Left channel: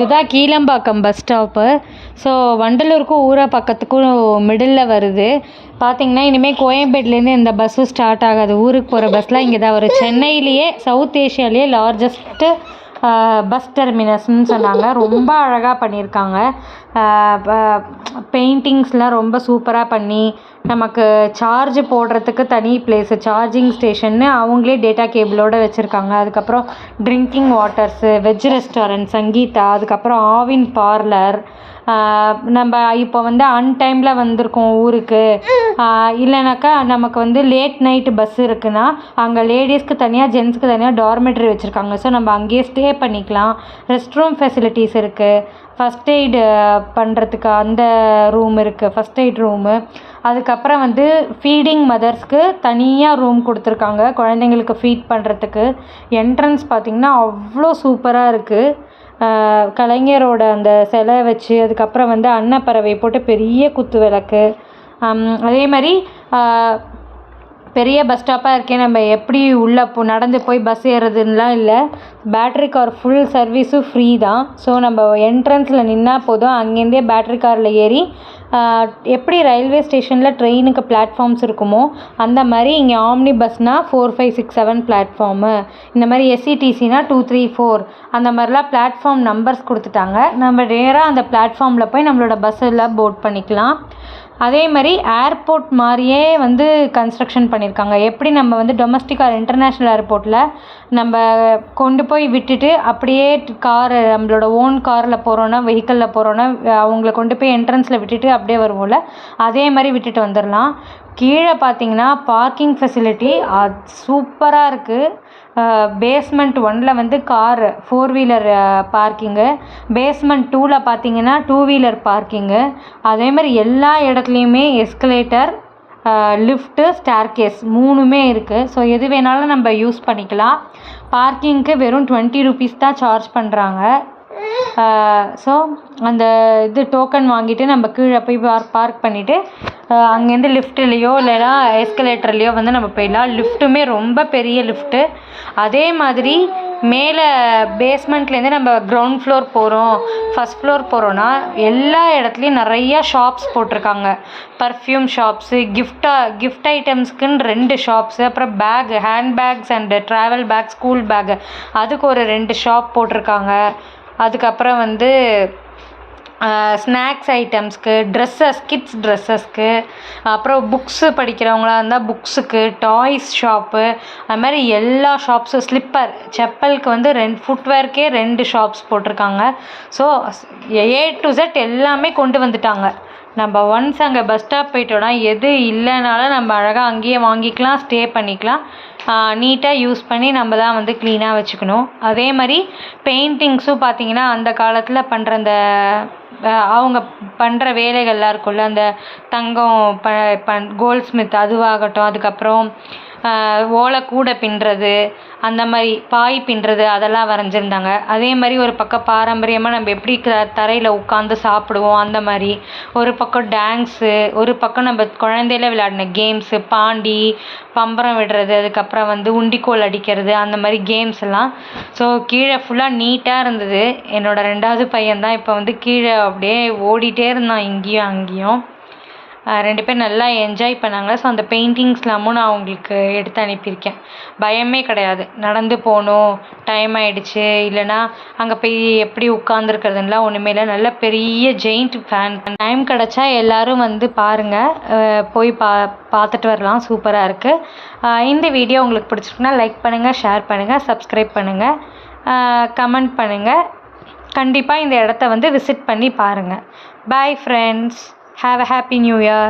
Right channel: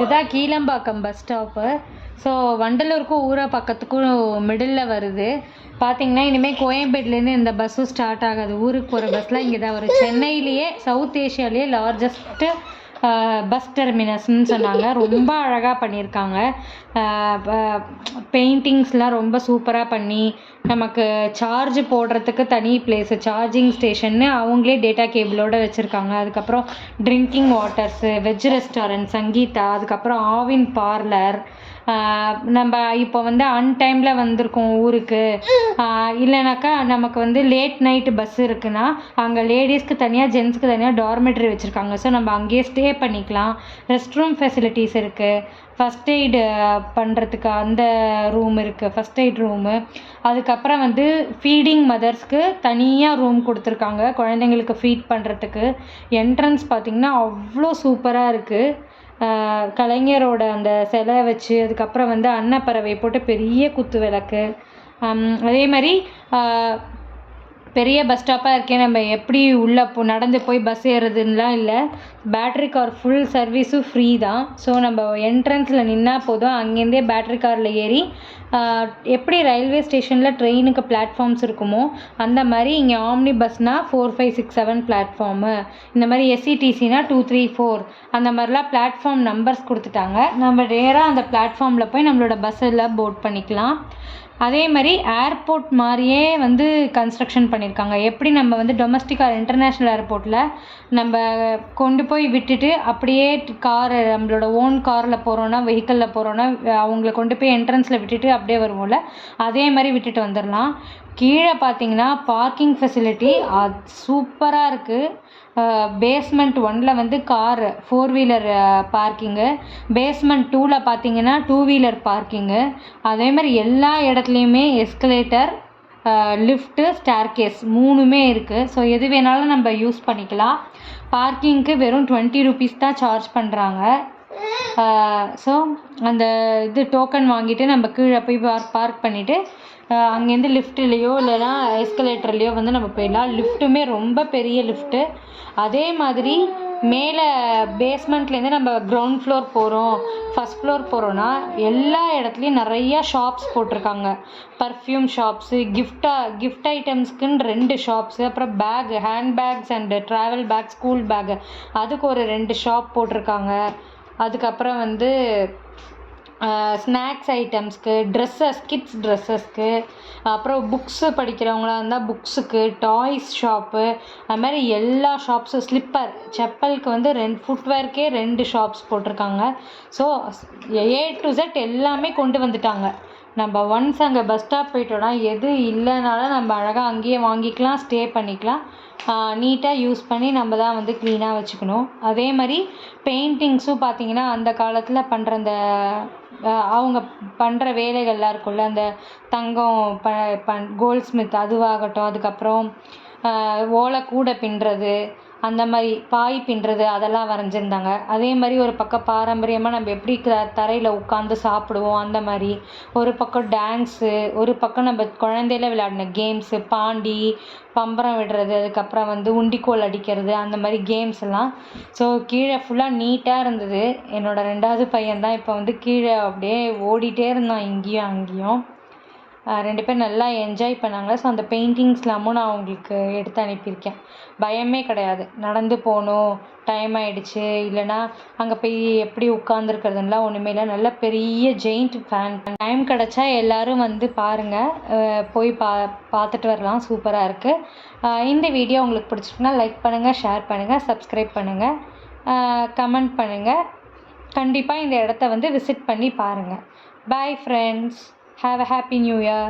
இதுதான் Kilambakkam bus stop. So வண்டலூருக்கும் ஊரப்பாக்கத்துக்கும் மிடில் வருது. பார்த்திங்கன்னா இனிமேல் கோயம்பேட்லேருந்து இந்த பஸ்ஸும் ஸ்டார்ட் ஆகாது. ஊருக்கு போகிற பஸ்லாம் இங்கே தான் வரும். சென்னையிலேயே சவுத் ஏஷியாலேயே லார்ஜஸ்ட்டு பஸ் டெர்மினஸ்ன்னு சொன்னாங்க. ரொம்ப அழகாக பண்ணியிருக்காங்க. பெயிண்டிங்ஸ்லாம் ரொம்ப சூப்பராக பண்ணி நமக்கு சார்ஜ் போடுறதுக்கு தனி பிளேஸு, சார்ஜிங் ஸ்டேஷன்னு அவங்களே டேட்டா கேபிளோடு வச்சுருக்காங்க. அதுக்கப்புறம் drinking waters, veg restaurant Sangeetha, அதுக்கப்புறம் ஆவின் பார்லர். நம்ம இப்போ வந்து அன்டைமில் வந்திருக்கோம் ஊருக்கு, இல்லைனாக்கா நமக்கு வந்து லேட் நைட்டு பஸ் இருக்குன்னா அங்கே லேடிஸ்க்கு தனியாக ஜென்ஸுக்கு தனியாக டார்மெட்ரி வச்சுருக்காங்க. ஸோ நம்ம அங்கேயே ஸ்டே பண்ணிக்கலாம். ரெஸ்ட் ரூம் ஃபெசிலிட்டிஸ் இருக்குது. ஃபஸ்ட் எய்டு பண்ணுறதுக்கு அந்த ரூம் இருக்குது, ஃபஸ்ட் எய்ட் ரூமு. அதுக்கப்புறம் வந்து ஃபீடிங் மதர்ஸ்க்கு தனியாக ரூம் கொடுத்துருக்காங்க, குழந்தைங்களுக்கு ஃபீட் பண்ணுறதுக்கு. என்ட்ரன்ஸ் பார்த்திங்கன்னா அவ்வளோ சூப்பராக இருக்குது. கலைஞரோட அந்த சிலை வச்சு, அதுக்கப்புறம் வந்து அன்னப்பறவை போட்டு பெரிய குத்து விளக்கு. அதே மாதிரி பெரிய பஸ் ஸ்டாப்பாக இருக்கே, நம்ம எப்படி உள்ளே நடந்து போய் பஸ் ஏறுறதுன்னெலாம் இல்லை. பேட்ரி கார் ஃபுல் சர்வீஸும் ஃப்ரீ தான். ஸோ நம்ம என்ட்ரன்ஸில் நின்னால் போதும், அங்கேருந்தே பேட்ரி காரில் ஏறி எப்படி ரயில்வே ஸ்டேஷனில் ட்ரெயினுக்கு பிளாட்ஃபார்ம்ஸ் இருக்குமோ அந்த மாதிரி இங்கே ஆம்னி பஸ்னால் 4, 5, 6, 7 பிளாட்ஃபார்மு. இந்த மாதிரி எஸ்சிடிசினா 2, 3, 4 அந்த மாதிரிலாம் பிளாட்ஃபார்ம் நம்பர்ஸ் கொடுத்துட்டாங்க. நம்ம நேராக அந்த பிளாட்ஃபார்மில் போய் நம்மளோட பஸ்ஸில் போர்ட் பண்ணிக்கலாம். அதே மாதிரி ஏர்போர்ட் மாதிரியே வந்து கன்ஸ்ட்ரக்ஷன் பண்ணியிருக்காங்க. எப்படி நம்ம வந்து டொமஸ்டிக் ஆர் இன்டர்நேஷ்னல் ஏர்போர்ட்டில் நம்ம கொண்டு போய் விட்டுட்டு அப்படியே கார், நம்மளோட ஓன் காரில் போகிறோன்னா, வெஹிக்கிளில் போகிறோன்னா அவங்கள கொண்டு போய் என்ட்ரன்ஸில் விட்டுட்டு அப்படியே வருவோம்ல, அதே மாதிரி விட்டுட்டு வந்துடலாம். கீழே பார்த்தீங்கன்னா பார்க்கிங் ஃபெசிலிட்டி சூப்பராக இருக்குது. பேஸ்மெண்ட் 1ல் வந்து கார் 4 வீலர் பார்க்கிங்கு, பேஸ்மெண்ட் 2ல் பார்த்தீங்கன்னா 2 வீலர் பார்க்கிங்கு. அதே மாதிரி எல்லா இடத்துலையுமே எஸ்கலேட்டர், லிஃப்ட்டு, ஸ்டேர்கேஸ் 3மே இருக்குது. ஸோ எது வேணாலும் நம்ம யூஸ் பண்ணிக்கலாம். பார்க்கிங்க்கு வெறும் 20 ரூபீஸ் தான் சார்ஜ் பண்ணுறாங்க. ஸோ அந்த இது டோக்கன் வாங்கிட்டு நம்ம கீழே போய் பார்க் பண்ணிவிட்டு அங்கேருந்து லிஃப்ட்லேயோ இல்லைனா எஸ்கலேட்டர்லேயோ வந்து நம்ம போயிடலாம். லிஃப்ட்டுமே ரொம்ப பெரிய லிஃப்ட்டு. அதே மாதிரி மேலே பேஸ்மெண்ட்லேருந்து நம்ம கிரவுண்ட் ஃப்ளோர் போகிறோம், ஃபஸ்ட் ஃப்ளோர் போகிறோன்னா எல்லா இடத்துலையும் நிறையா ஷாப்ஸ் போட்டிருக்காங்க. பர்ஃப்யூம் ஷாப்ஸு, கிஃப்ட் ஐட்டம்ஸ்க்குன்னு 2 ஷாப்ஸு, அப்புறம் hand bags and travel bag, school bag அதுக்கு ஒரு 2 ஷாப் போட்டிருக்காங்க. அதுக்கப்புறம் வந்து ஸ்நாக்ஸ் ஐட்டம்ஸ்க்கு, கிட்ஸ் ட்ரெஸ்ஸஸ்க்கு, அப்புறம் புக்ஸு படிக்கிறவங்களா இருந்தால் புக்ஸுக்கு, டாய்ஸ் ஷாப்பு, அது மாதிரி எல்லா ஷாப்ஸும், ஸ்லிப்பர் செப்பலுக்கு வந்து ஃபுட்வேர்க்கே 2 ஷாப்ஸ் போட்டிருக்காங்க. ஸோ A to Z எல்லாமே கொண்டு வந்துட்டாங்க. நம்ம ஒன்ஸ் அங்கே பஸ் ஸ்டாப் போயிட்டோன்னா எது இல்லைனாலும் நம்ம அழகாக அங்கேயே வாங்கிக்கலாம், ஸ்டே பண்ணிக்கலாம். நீட்டாக யூஸ் பண்ணி நம்ம தான் வந்து க்ளீனாக வச்சுக்கணும். அதே மாதிரி பெயிண்டிங்ஸும் பார்த்திங்கன்னா அந்த காலத்தில் பண்ணுற அந்த அவங்க பண்ணுற வேலைகள்லாம் இருக்கும்ல, அந்த தங்கம் கோல்ட் ஸ்மித் அதுவாகட்டும், அதுக்கப்புறம் ஓலைக்கூடை பின்னுறது, அந்த மாதிரி பாய் பின்னுறது, அதெல்லாம் வரைஞ்சிருந்தாங்க. அதே மாதிரி ஒரு பக்கம் பாரம்பரியமாக நம்ம எப்படி தரையில் உட்காந்து சாப்பிடுவோம் அந்த மாதிரி, ஒரு பக்கம் டான்ஸு, ஒரு பக்கம் நம்ம குழந்தையில விளையாடின கேம்ஸு, பாண்டி, பம்பரம் விடுறது, அதுக்கப்புறம் வந்து உண்டிக்கோல் அடிக்கிறது, அந்த மாதிரி கேம்ஸ் எல்லாம். ஸோ கீழே ஃபுல்லாக நீட்டாக இருந்தது. என்னோடய 2வது பையன் தான் இப்போ வந்து கீழே அப்படியே ஓடிட்டே இருந்தான் இங்கேயும் அங்கேயும். 2 பேர் நல்லா என்ஜாய் பண்ணாங்க. ஸோ அந்த பெயிண்டிங்ஸ்லாமும் நான் அவங்களுக்கு எடுத்து அனுப்பியிருக்கேன். பயமே கிடையாது. நடந்து போகணும், டைம் ஆகிடுச்சு, இல்லைனா அங்கே போய் எப்படி உட்காந்துருக்கிறதுலாம் ஒன்றுமே இல்லை. நல்ல பெரிய ஜெயிண்ட் ஃபேன். டைம் கிடச்சா எல்லோரும் வந்து பாருங்கள், போய் பார்த்துட்டு வரலாம். சூப்பராக இருக்குது. இந்த வீடியோ உங்களுக்கு பிடிச்சிருக்குன்னா லைக் பண்ணுங்கள், ஷேர் பண்ணுங்கள், சப்ஸ்கிரைப் பண்ணுங்கள், கமெண்ட் பண்ணுங்கள். கண்டிப்பாக இந்த இடத்த வந்து விசிட் பண்ணி பாருங்கள். Bye friends. Have a happy new year.